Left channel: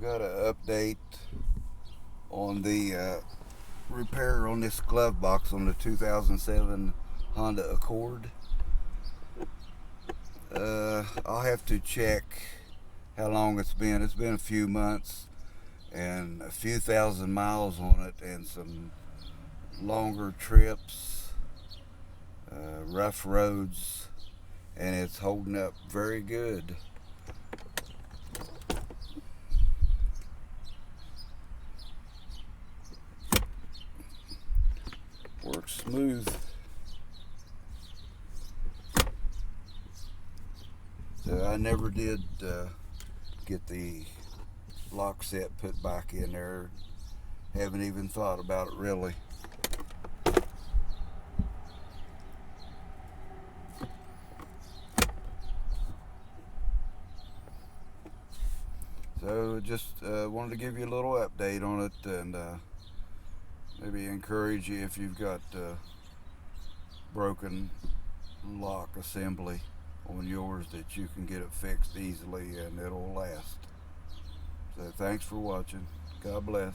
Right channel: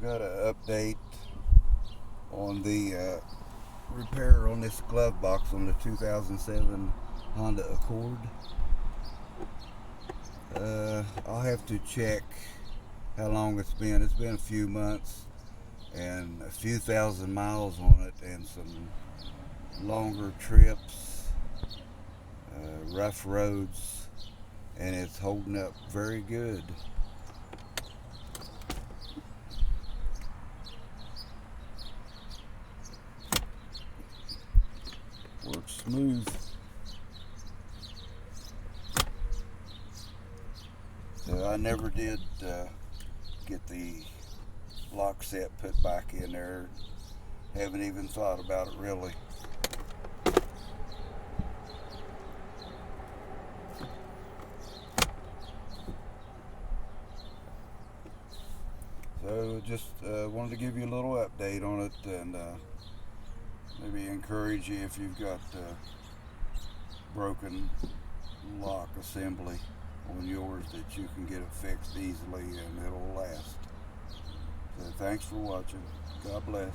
Got an update on the repair on this glove box on the 2007 Honda Accord. I'll have to check how long it's been. It's been a few months and a few thousand miles on it, and some longer trips, rough roads, and it's holding up very good. Works smooth. So I never did get the lock set put back in there. Haven't even thought about it really. So just wanted to give you a little update on it, and maybe encourage you if you've got broken lock assembly on yours, that you can get it fixed easily and it'll last. So thanks for watching. God bless.